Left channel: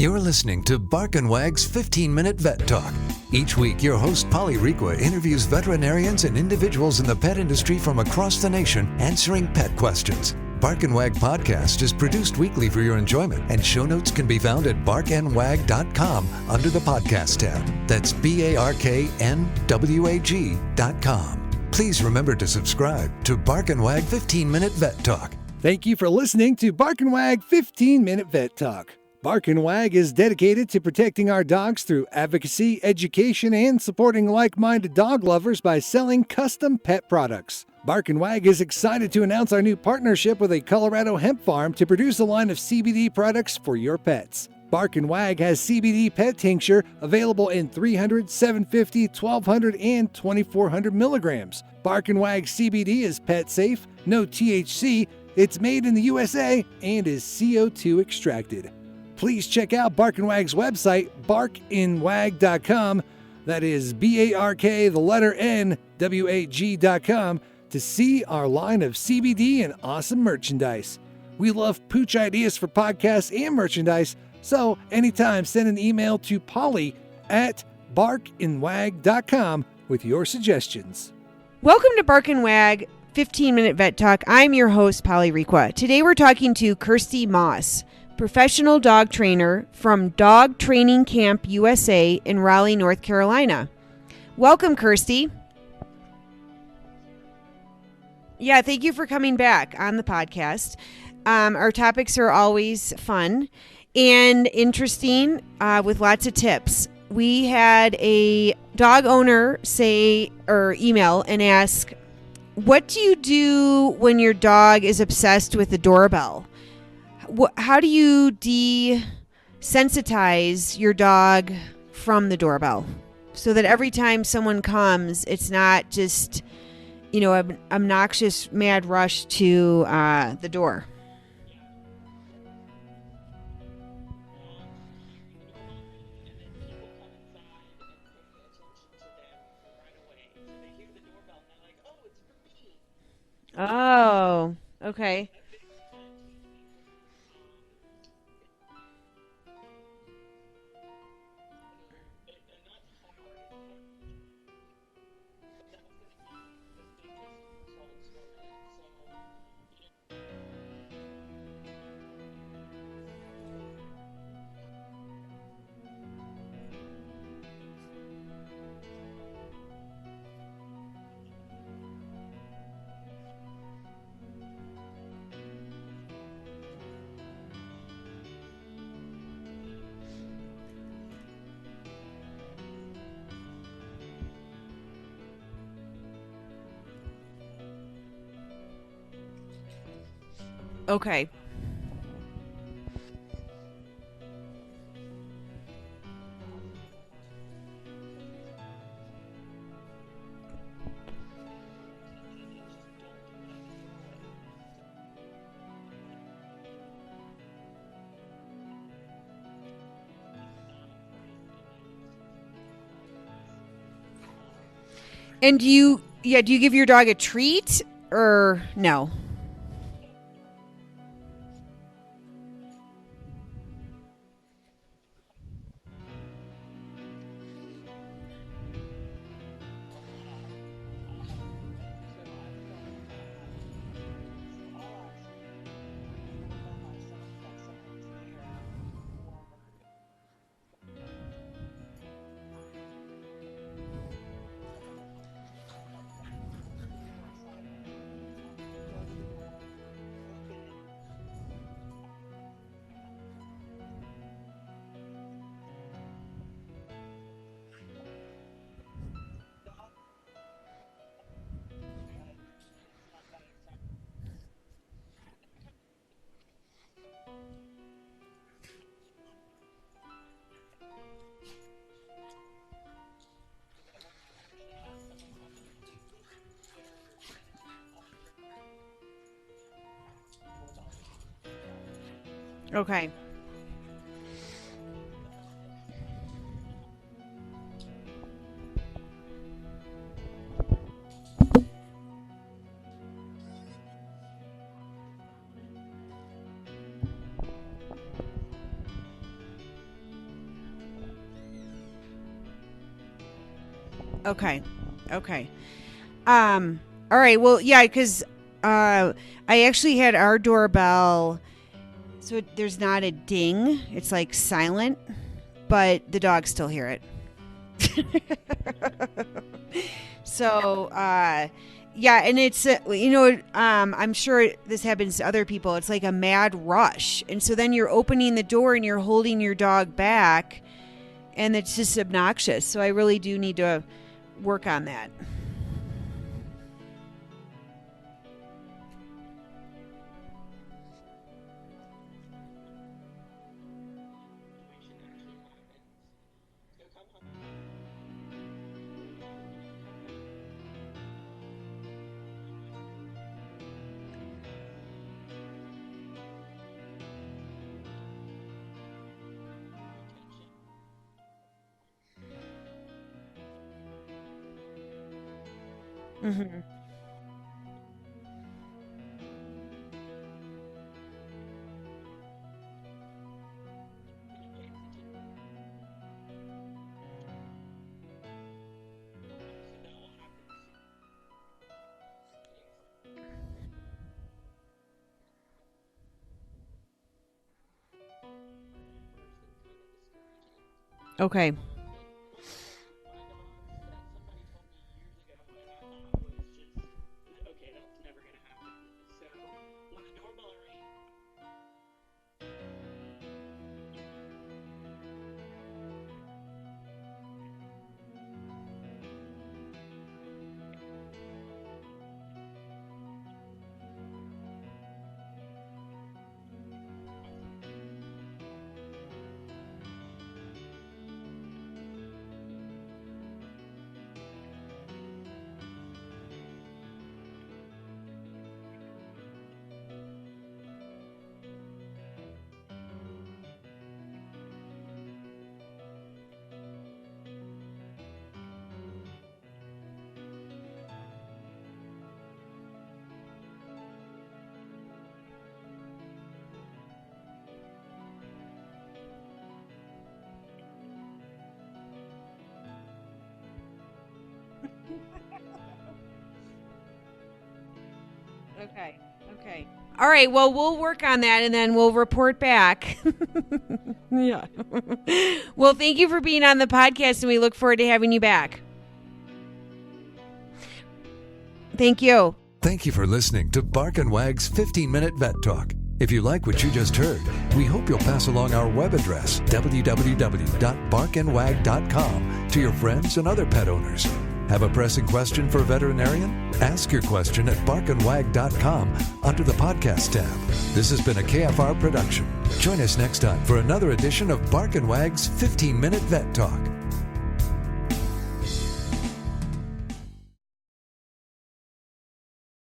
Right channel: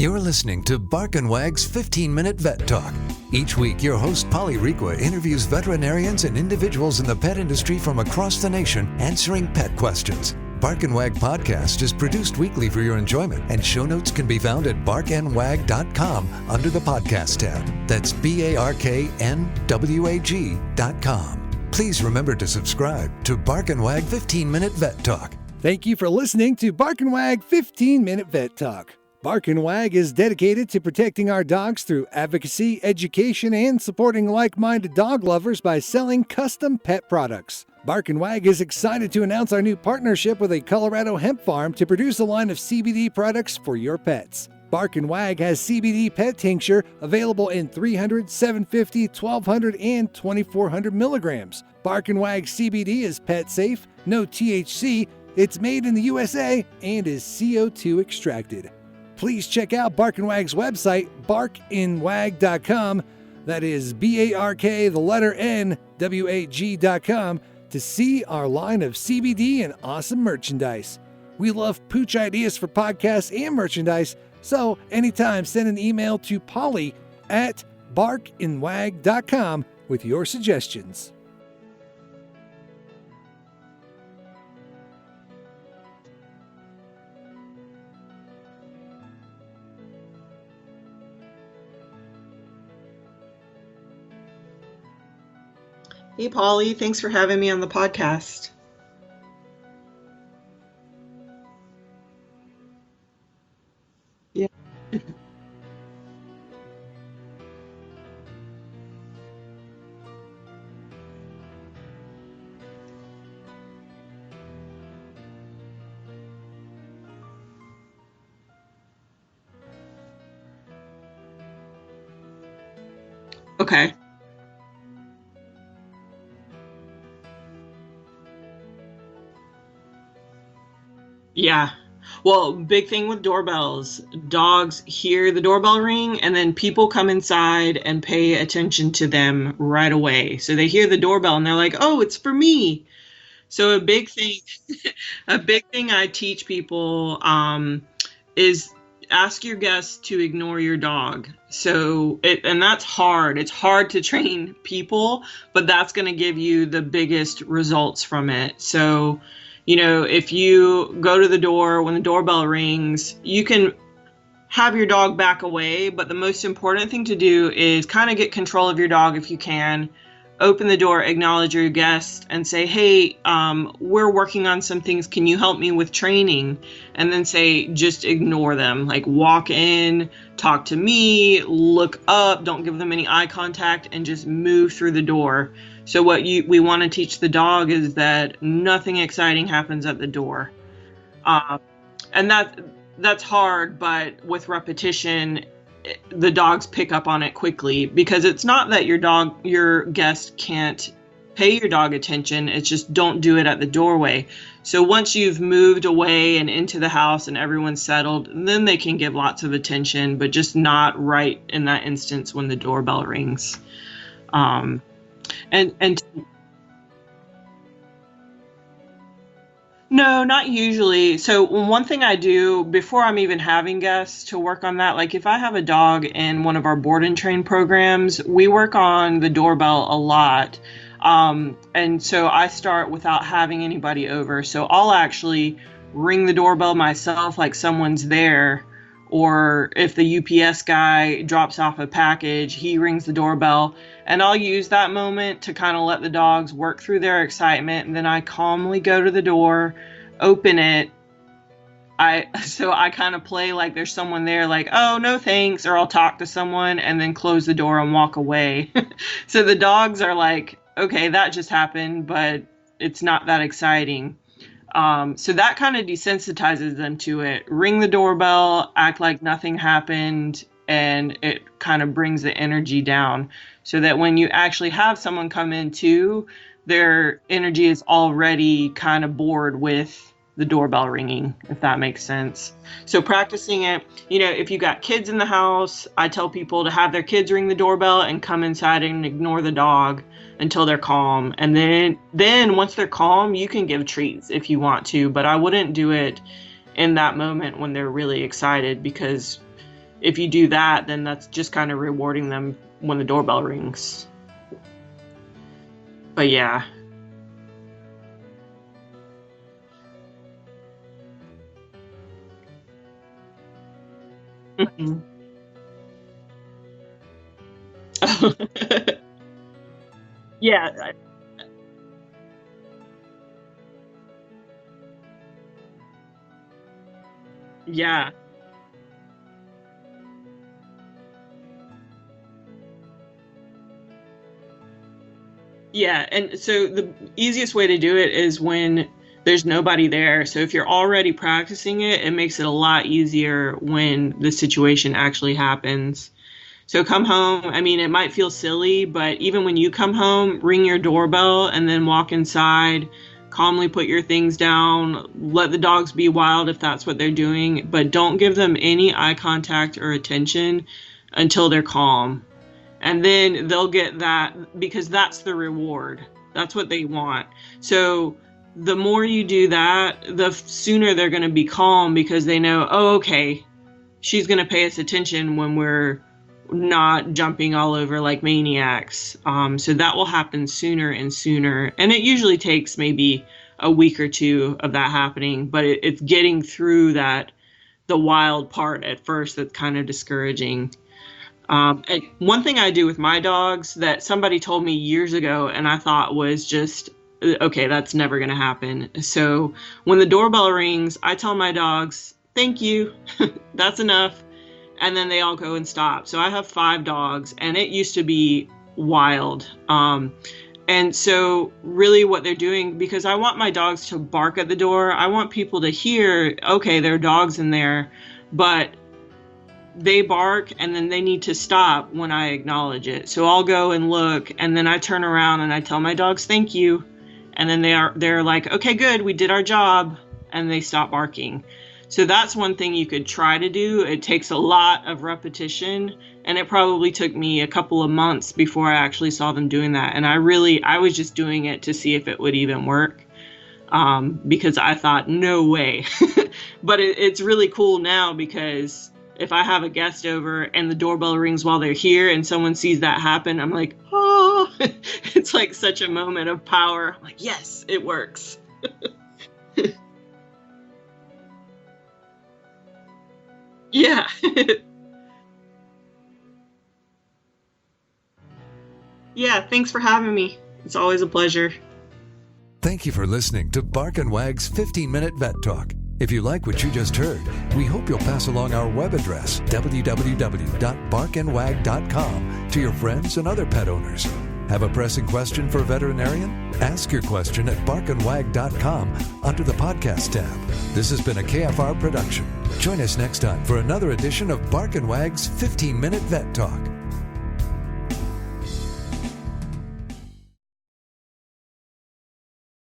You're listening to Bark and Wag's 15-Minute Vet Talk. Each week, your host, Polly Requa, interviews veterinarians and individuals in the pet industry from across the nation answering pet questions. Bark and Wag podcast is produced weekly for your enjoyment, and show notes can be found at barkandwag.com under the podcast tab. That's BARKNWAG.com. Please remember to subscribe to Bark and Wag 15-Minute Vet Talk. Thank you for listening to Bark and Wag 15-Minute Vet Talk. Bark and Wag is dedicated to protecting our dogs through advocacy, education, and supporting like-minded dog lovers by selling custom pet products. Bark and Wag is excited to announce our new partnership with a Colorado hemp farm to produce a line of CBD products for your pets. Bark and Wag has CBD pet tincture available in 300, 750, 1200, and 2400 milligrams. Bark and Wag CBD is pet safe, no THC, it's made in the USA, and is CO2 extracted. Please check out Bark and Wag's website, barkandwag.com. That is BARK, to see our line of CBD and awesome merchandise. We love pooch ideas for podcasts and merchandise, so anytime send an email to Polly at barkandwag.com with your suggestions. Welcome to Bark and Wag 15-Minute Vet Talk. I'm your host, Polly Requa. Today we're talking to Kersti Moss, professional dog trainer from Dog Training Camp USA in Raleigh, North Carolina. Welcome, Kersti. Hey, Polly. Thanks for having me on the podcast. Yeah, thank you for coming back on the podcast. Our topics are always fun and interesting with lots of tips. We had a dog owner email and ask, what do you do when your dog is obsessed with the doorbell? How do you desensitize your dog from the doorbell so that every time someone comes, it's not just, an obnoxious mad rush to the door? Yeah. Well, big thing with doorbells, dogs hear the doorbell ring and then people come inside and pay attention to them right away. So they hear the doorbell and they're like, oh, it's for me. So a big thing I teach people is ask your guests to ignore your dog. And that's hard. It's hard to train people, but that's going to give you the biggest results from it. So, if you go to the door when the doorbell rings, you can have your dog back away, but the most important thing to do is kind of get control of your dog if you can. Open the door, acknowledge your guest, and say, hey, we're working on some things. Can you help me with training? And then just ignore them. Like walk in, talk to me, look up, don't give them any eye contact, and just move through the door. So what we want to teach the dog is that nothing exciting happens at the door. Okay. And that's hard, but with repetition, the dogs pick up on it quickly, because it's not that your guest can't pay your dog attention. It's just don't do it at the doorway. So once you've moved away and into the house and everyone's settled, then they can give lots of attention, but just not right in that instance when the doorbell rings. Do you give your dog a treat or no? No, not usually. So one thing I do before I'm even having guests to work on that, like if I have a dog in one of our board and train programs, we work on the doorbell a lot. And so I start without having anybody over. So I'll actually ring the doorbell myself, like someone's there. Or if the UPS guy drops off a package, he rings the doorbell. And I'll use that moment to kind of let the dogs work through their excitement. And then I calmly go to the door, open it. I kind of play like there's someone there, like, oh, no thanks. Or I'll talk to someone and then close the door and walk away. So the dogs are like, okay, that just happened, but it's not that exciting. So that kind of desensitizes them to it. Ring the doorbell, act like nothing happened, and it kind of brings the energy down so that when you actually have someone come in too, their energy is already kind of bored with the doorbell ringing, if that makes sense. Okay. So practicing it, if you got kids in the house, I tell people to have their kids ring the doorbell and come inside and ignore the dog until they're calm. And then once they're calm, you can give treats if you want to, but I wouldn't do it in that moment when they're really excited, because if you do that, then that's just kind of rewarding them when the doorbell rings. Okay. But yeah. All right. Well, yeah, because I actually had our doorbell, so there's not a ding. It's like silent, but the dogs still hear it. So, yeah, and it's, I'm sure this happens to other people. It's like a mad rush. And so then you're opening the door and you're holding your dog back, and it's just obnoxious. So I really do need to work on that. Yeah, and so the easiest way to do it is when there's nobody there. So if you're already practicing it, it makes it a lot easier when the situation actually happens. So come home. I mean, it might feel silly, but even when you come home, ring your doorbell and then walk inside, calmly put your things down, let the dogs be wild if that's what they're doing, but don't give them any eye contact or attention until they're calm. And then they'll get that, because that's the reward. Mm-hmm. That's what they want. So the more you do that, the sooner they're going to be calm, because they know, oh, okay, she's going to pay us attention when we're not jumping all over like maniacs. So that will happen sooner and sooner. And it usually takes maybe a week or two of that happening, but it's getting through the wild part at first that's kind of discouraging. Okay. And one thing I do with my dogs that somebody told me years ago, and I thought was just, okay, that's never going to happen. So when the doorbell rings, I tell my dogs, thank you, that's enough. And then they all go and stop. So I have 5 dogs, and it used to be wild. And so really what they're doing, because I want my dogs to bark at the door, I want people to hear, okay, there are dogs in there, but they bark and then they need to stop when I acknowledge it. So I'll go and look, and then I turn around and I tell my dogs, thank you. And then they're like, okay, good, we did our job. And they stop barking. So that's one thing you could try to do. It takes a lot of repetition, and it probably took me a couple of months before I actually saw them doing that. And I was just doing it to see if it would even work, because I thought, no way. But it's really cool now, because if I have a guest over and the doorbell rings while they're here and someone sees that happen, I'm like, oh, it's like such a moment of power. I'm like, yes, it works. Okay. All right, well, we'll work on that, and then we'll report back. Yeah. Well, thank you for being on the podcast, and we look forward to having you back. Yeah, thanks for having me. It's always a pleasure. Thank you. Thank you for listening to Bark and Wag's 15-Minute Vet Talk. If you like what you just heard, we hope you'll pass along our web address, www.barkandwag.com, to your friends and other pet owners. Have a pressing question for a veterinarian? Ask your question at barkandwag.com under the podcast tab. This has been a KFR production. Join us next time for another edition of Bark and Wag's 15-Minute Vet Talk.